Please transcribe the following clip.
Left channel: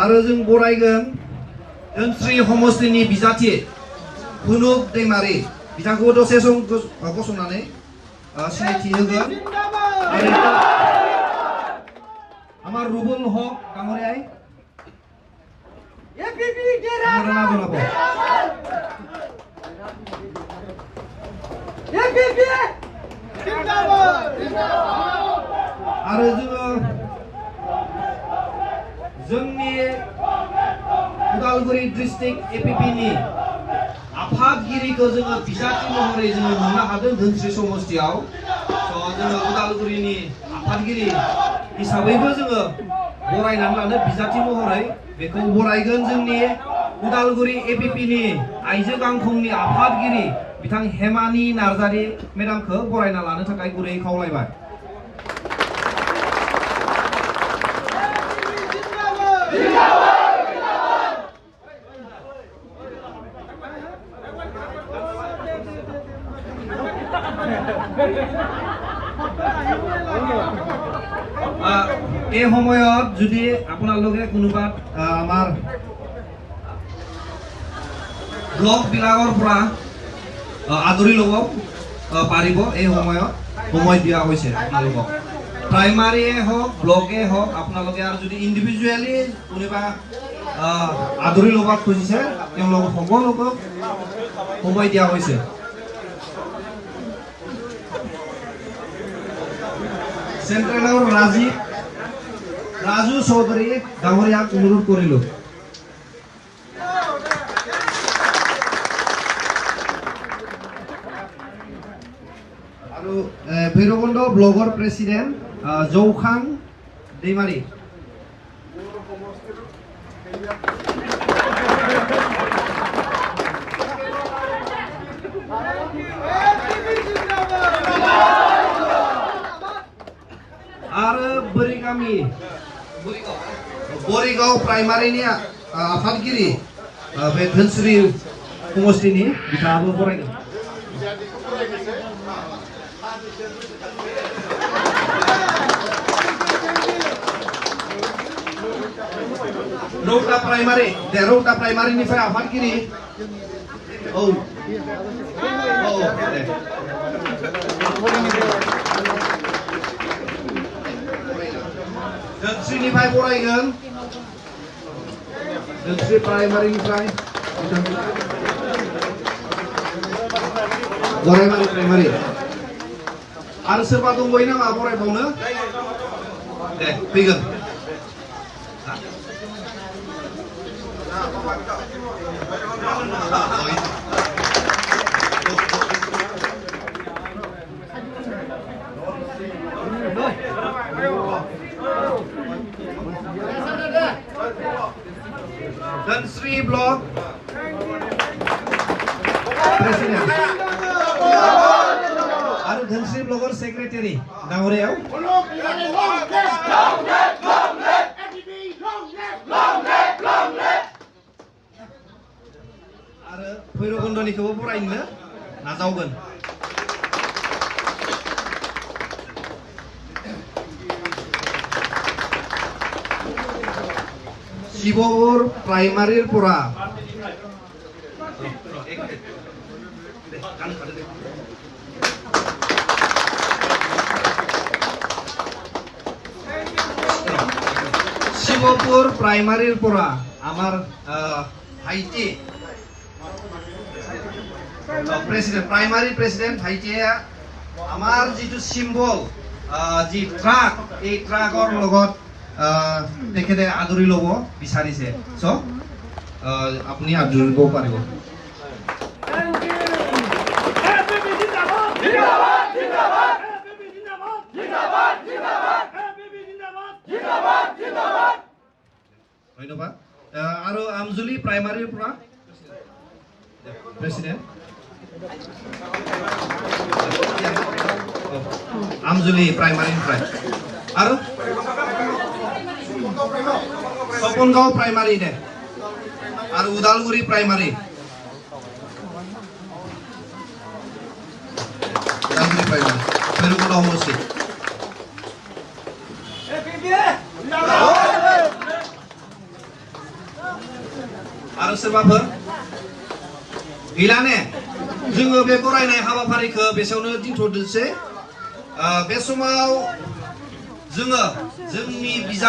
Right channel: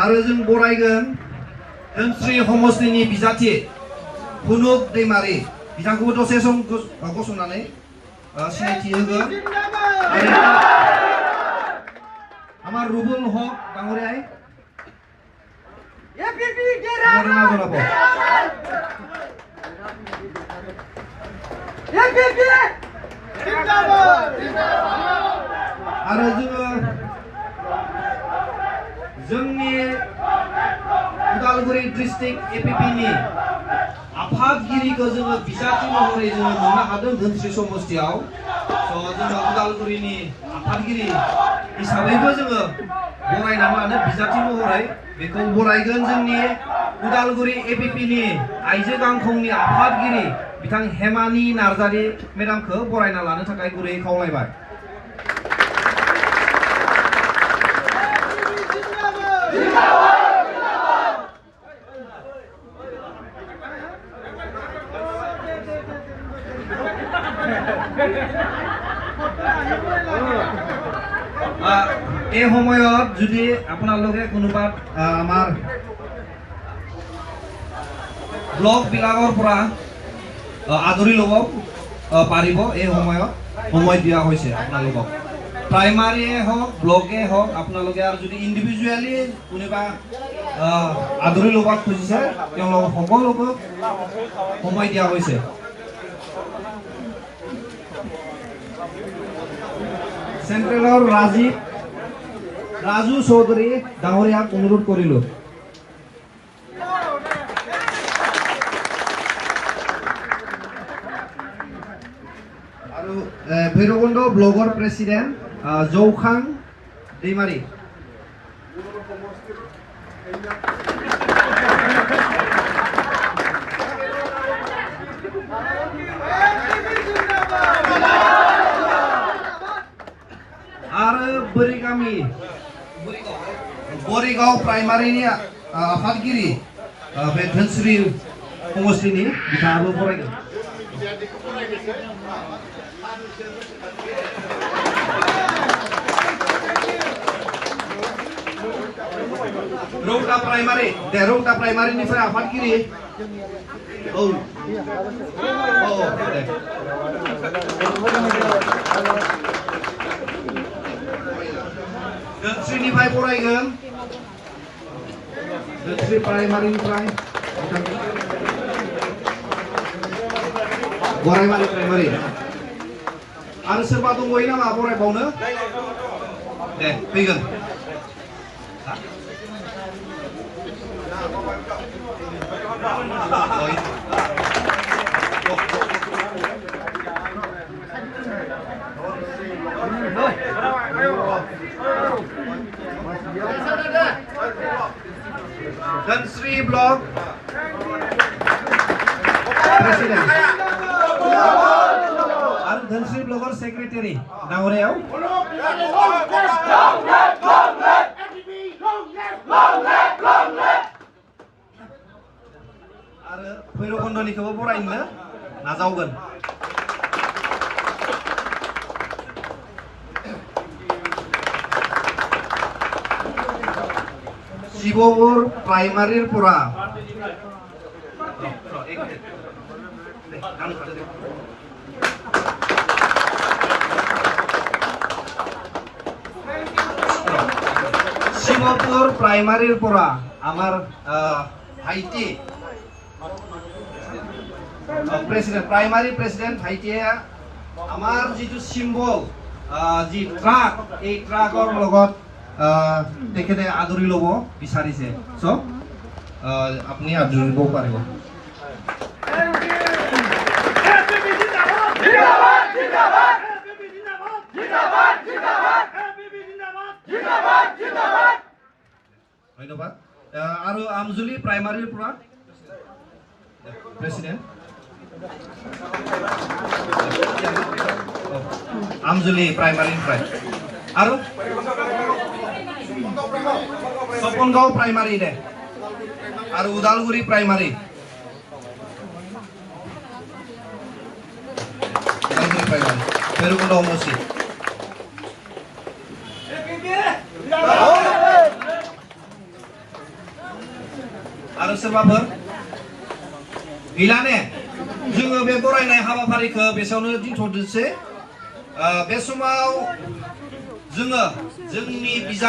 आरो जों बरायगोन धोनस्रि समष्टिनि बिजाथि हुनुक दैमारि बिथांखौ दसे सम गसंनानै सिनायथि होगोन আমার রুবুল হক ডাঙরিয়াই आरो जोंनि उदालगुरि डिस्ट्रिक्ट एपिपि नि आफादगिरिखौ जोङो बिजाथि महरै जोङो मोननो हादों धोनस्रि समष्टियाव जोङो उदालगुरिनि आफादगिरि हिसाबैबो जोङो बरायनानै लानो बिजाथि महरै बेखौ बरायगोन जोंनि उदालगुरि एपिपि नि आइजो गांखंनि आफादगिरि बिथां हेमानि नार्जारि मेडामखौ बरायना लानो थाखाय गुरै खावलायबाय এই সময়ত যদি আপোনালোকে কোনোবা আমাৰ ব্লক বিলাকৰ পৰা আদৰি ল'ব পাৰিব এই সময়ত সময় দিয়া হৈছে আপোনালোকক প্ৰাইমাৰীয়ে হওক ব্লকে হওক আপোনালোকে আৰু যদি ইণ্ডিভিজুৱেলি কোনোবা আদৰি ল'ব খুজিছে তেওঁলোকক সকলোকে সময় দিয়া হৈছে সেন্ট্ৰেলৰ ৰাজু চৌধুৰী ডাঙৰীয়াক অনুৰোধ কৰিলো আৰু ভৈৰৱকুণ্ড ব্লকৰ প্ৰেচিডেণ্ট জৌখাং दैमारि आरो बोरिगाव प्राइमारिनि आफादगिरि बे धोनस्रि समष्टिनि बिथाङाबो फरायगोन रौता प्राइमारिनिफ्राय आफादगिरि धोनस्रिनिफ्राय फरायगोन धोनस्रि प्राइमारिनिफ्राय गरायमारि प्राइमारि आरो सोरबा दंबायो नामा फरायबावनो दे फैगोन धोनस्रि ब्लक प्रेसिडेंट आरो धोनस्रि ब्लकर सेक्रेटारि डाङरियाव आरो भैरबकुण्डनिखौबो बरायनो नाजावगोन शिवपुर प्राइमारिर পৰা শিৱপুৰ প্ৰাইমাৰিৰ পৰা আমাৰ ভাইটি প্ৰেসিডেন্ট প্ৰাইমাৰি প্ৰেসিডেন্ট ভাইটিয়ে আমাৰ যিটো সিম্বল যি ট্ৰাক এই ট্ৰাকৰ লগত তেখেতে আদৰি ল'ব বিচাৰিছে সো আপুনি আদৰি ল'ব পাৰিব ধন্যবাদ আৰু আমজুলি প্ৰাইমাৰীৰ পৰা প্ৰেসিডেন্ট আমজুলি প্ৰাইমাৰীनिफ्राय আৰু सपनगाव प्राइमारी दे और उदालगुरी प्राइमारी भैरवकुंड समष्टि आरो सोरबाफोर गैला ने जोङो बे बरायनाय हाबाफारिखौ बेसेयावनो दोनथ'दोंसै बे समाव जोङो जोंनि बिजाब